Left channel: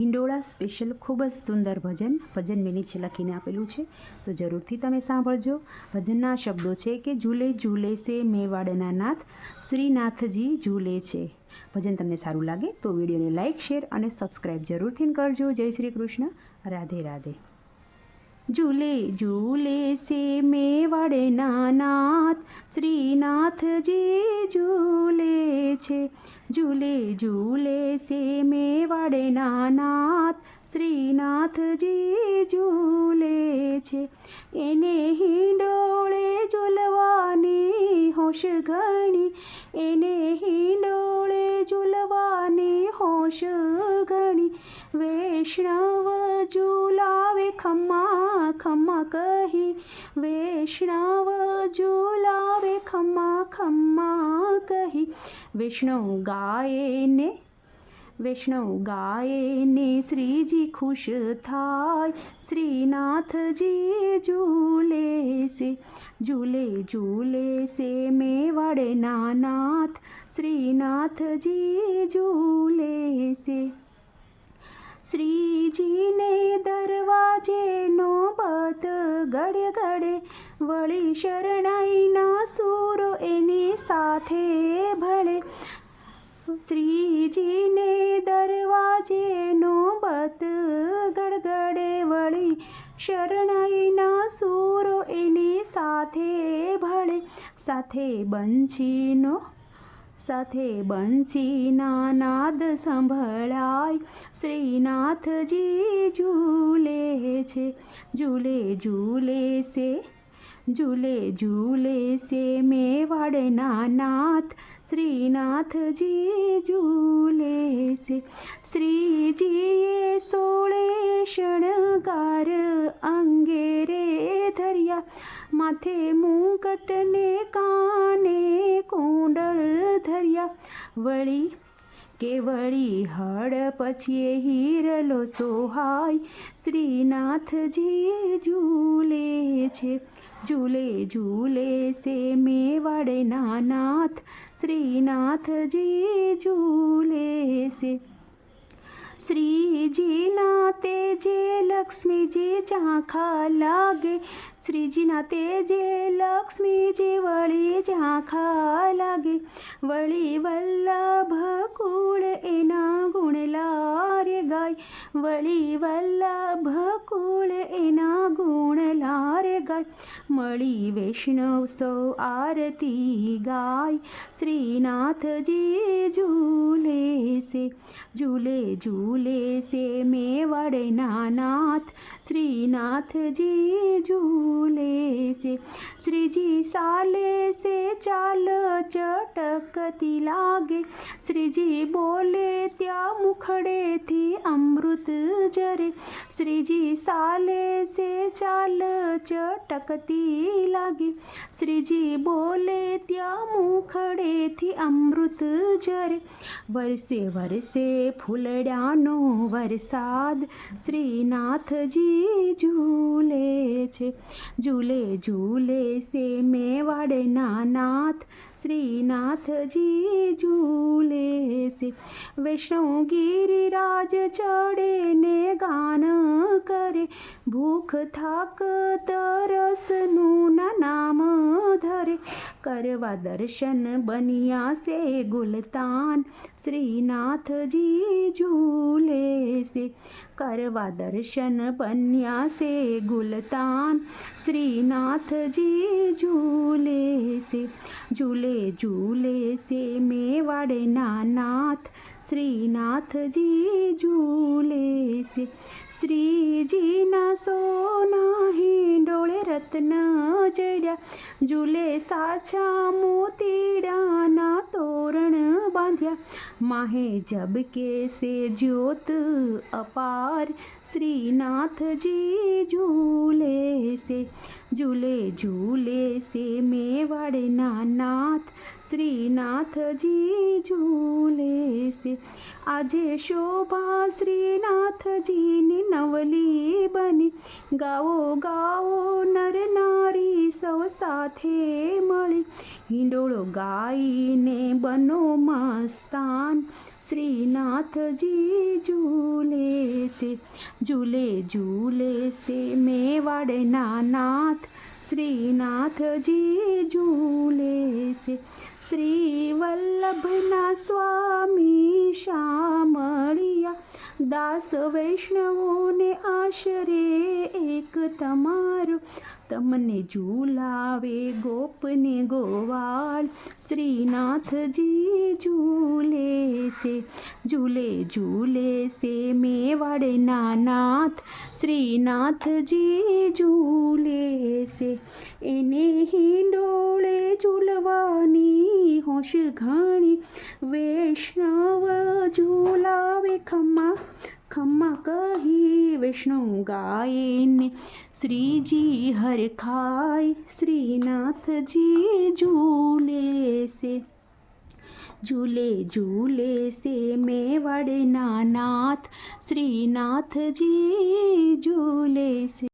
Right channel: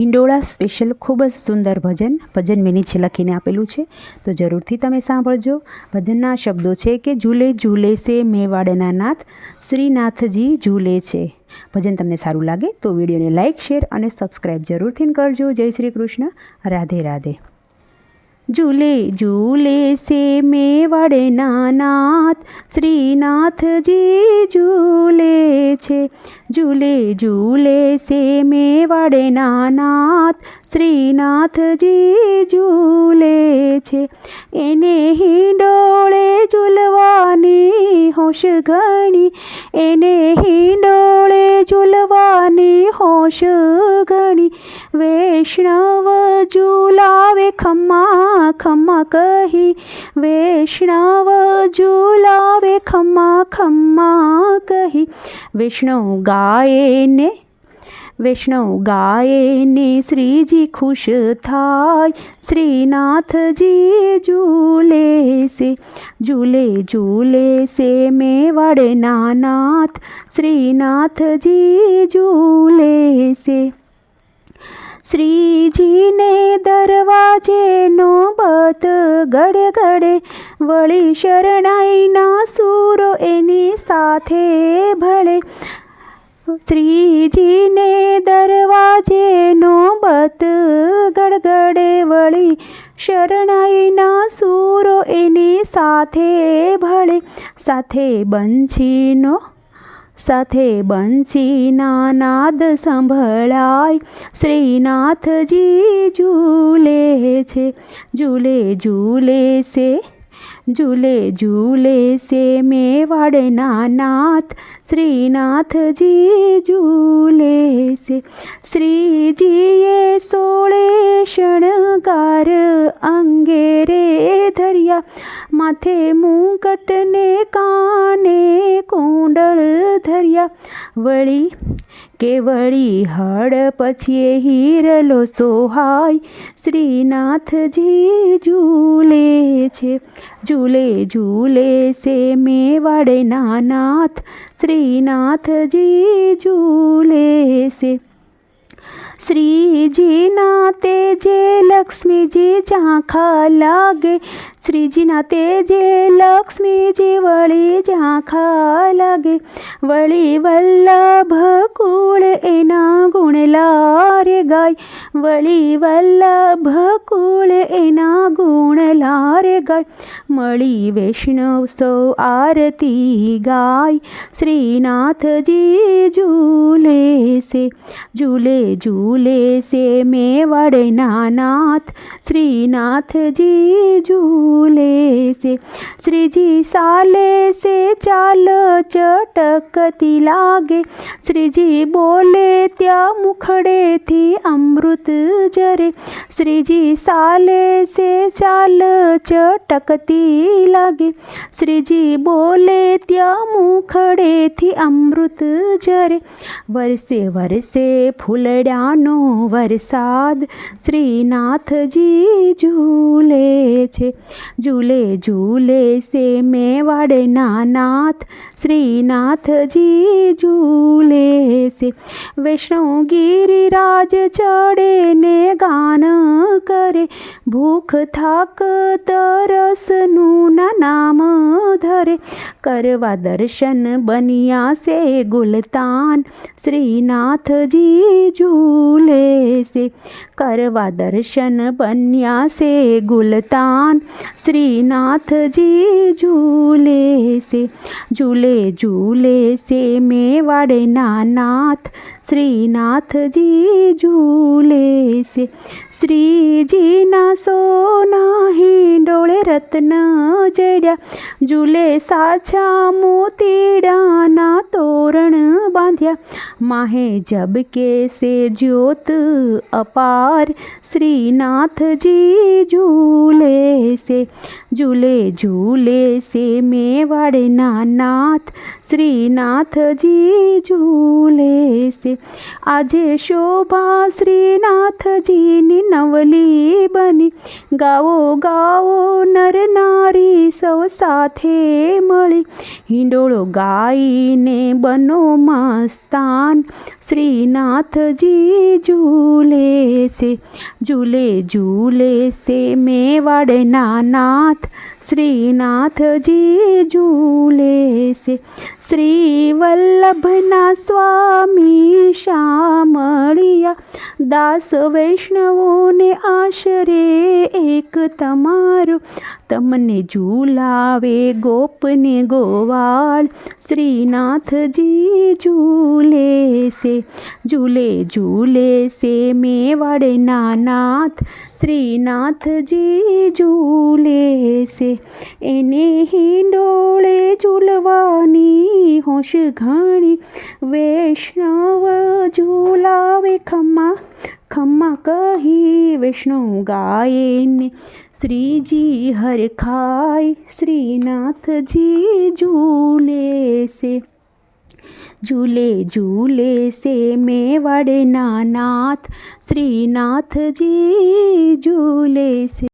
હિંડોળા special ખૂબ જ સુંદર ભજન મેં નીચે લખીને આપેલું છે, તો જરૂરથી તમે સાંભળજો. ભજનના શબ્દો છે કે ઝૂલે ઝૂલે સે મેવાડના નાથ, શ્રીનાથજી ઝૂલે છે. ભજન તમને સારું લાગે તો વિડીયોને લાઇક, શેર અને સબસ્ક્રાઈબ જરૂરથી કરજો. જય શ્રી કૃષ્ણ. રાધે રાધે. ઝૂલે ઝૂલે સે મેવાડના નાથ, શ્રીનાથજી ઝૂલે છે. ઝૂલે ઝૂલે સે મેવાડના નાથ, શ્રીનાથજી ઝૂલે છે. એને હિંડોળે ઝૂલવાની હોશ ઘણી, એને હિંડોળે ઝૂલવાની હોશ ઘણી. વૈષ્ણવ ઝૂલાવે ખમ્મા ખમ્મા કહી, વૈષ્ણવ ઝૂલાવે ખમ્મા ખમ્મા કહી. વૈષ્ણવ ગાયે ને શ્રીજી ખુશ થાય, શ્રીનાથજી ઝૂલે છે. ઝૂલે ઝૂલે સે મેવાડના નાથ, શ્રીનાથજી ઝૂલે છે. શ્રીજીને દરવાજે નોબત ગડે ગડે, વળી શરણાઈના સૂરો એની સાથે ભળે. શ્રીજીને દરવાજે નોબત ગડગડે, વળી શરણાઈના સૂરો એની સાથે ભળે. સાથે બંસીના નાદ સંભળાય, શ્રીનાથજી ઝૂલે છે. ઝૂલે ઝૂલે સે મેવાડના નાથ, શ્રીનાથજી ઝૂલે છે. શ્રીજીએ 16 શણગાર અંગે રે ધર્યા, માથે મુકટ ને કાને કુંડળ ધર્યા. વળી હળ પછી હીરલો સોહાય, શ્રીનાથજી ઝૂલે છે. ઝૂલે ઝૂલે સે મેવાડના નાથ, શ્રીનાથજી ઝૂલે છે. શ્રીજીના તેજે લક્ષ્મીજી ઝાંખા લાગે, શ્રીજીના તેજે લક્ષ્મીજી વળી ઝાંખા લાગે. વળી વલ્લભ કુળ એના ગુણ લારે ગાય, વળી વલ્લભ કુળ એના ગુણ લારે ગાય. મળી વૈષ્ણવ સૌ આરતી ગાય, શ્રીનાથજી ઝૂલે છે. ઝૂલે ઝૂલે સે મેવાડના નાથ, શ્રીનાથજી ઝૂલે છે. શ્રીજી ચાલે છે ચાલ ચટકતી લાગે, શ્રીજી બોલે ત્યાં મુખડેથી અમૃત જરે. શ્રીજી ચાલે છે ચાલ ચટકતી લાગે, શ્રીજી બોલે ત્યાં મુખડેથી અમૃત જરે. વરસે વરસે ફૂલડાનો વરસાદ, શ્રીનાથજી ઝૂલે છે. ઝૂલે ઝૂલે સે મેવાડના નાથ, શ્રીનાથજી ઝૂલે છે. વૈષ્ણવ ગિરિરાજ ચડે ને ગાન કરે, ભૂખ થાક તરસનું નામ ધરે. કરવા દર્શન બન્યા સે ગુલતાન, શ્રીનાથજી ઝૂલે છે. કરવા દર્શન બન્યા સે ગુલતાન, શ્રીનાથજી ઝૂલે છે. ઝૂલે ઝૂલે સે મેવાડના નાથ, શ્રીનાથજી ઝૂલે છે. શ્રીજીના સોના હિંડોળે રત્ન જડ્યા, ઝૂલે સાચા મોતીડાના તોરણ બાંધ્યા. માહે ઝબકે સે જ્યોત અપાર, શ્રીનાથજી ઝૂલે છે. ઝૂલે ઝૂલે સે મેવાડના નાથ, શ્રીનાથજી ઝૂલે છે. આજે શોભા શ્રીનાથ શ્રીનાથજીની નવલી બની. ગાવો ગાવો નર નારી સૌ સાથે મળી. હિંડોળો ગાઈને બનો મસ્તાન. શ્રીનાથજી ઝૂલે છે, ઝૂલે ઝૂલે છે મેવાડના નાથ. શ્રીનાથજી ઝૂલે છે. શ્રી વલ્લભના સ્વામી શામળિયા. દાસ વૈષ્ણવોને આશરે એક તમારો. તમને ઝૂલાવે ગોપને ગોવાળ. શ્રીનાથજી ઝૂલે છે, ઝૂલે ઝૂલે છે મેવાડના નાથ. શ્રીનાથજી ઝૂલે છે. એને હિંડોળે ઝૂલવાની હોશ ઘણી. વૈષ્ણવ ઝૂલાવે ખમ્મા ખમ્મા કહી. વૈષ્ણવ ગાયને શ્રીજી હરખાય. શ્રીનાથજી ઝૂલે છે, ઝૂલે ઝૂલે છે મેવાડના નાથ. શ્રીનાથજી ઝૂલે છે.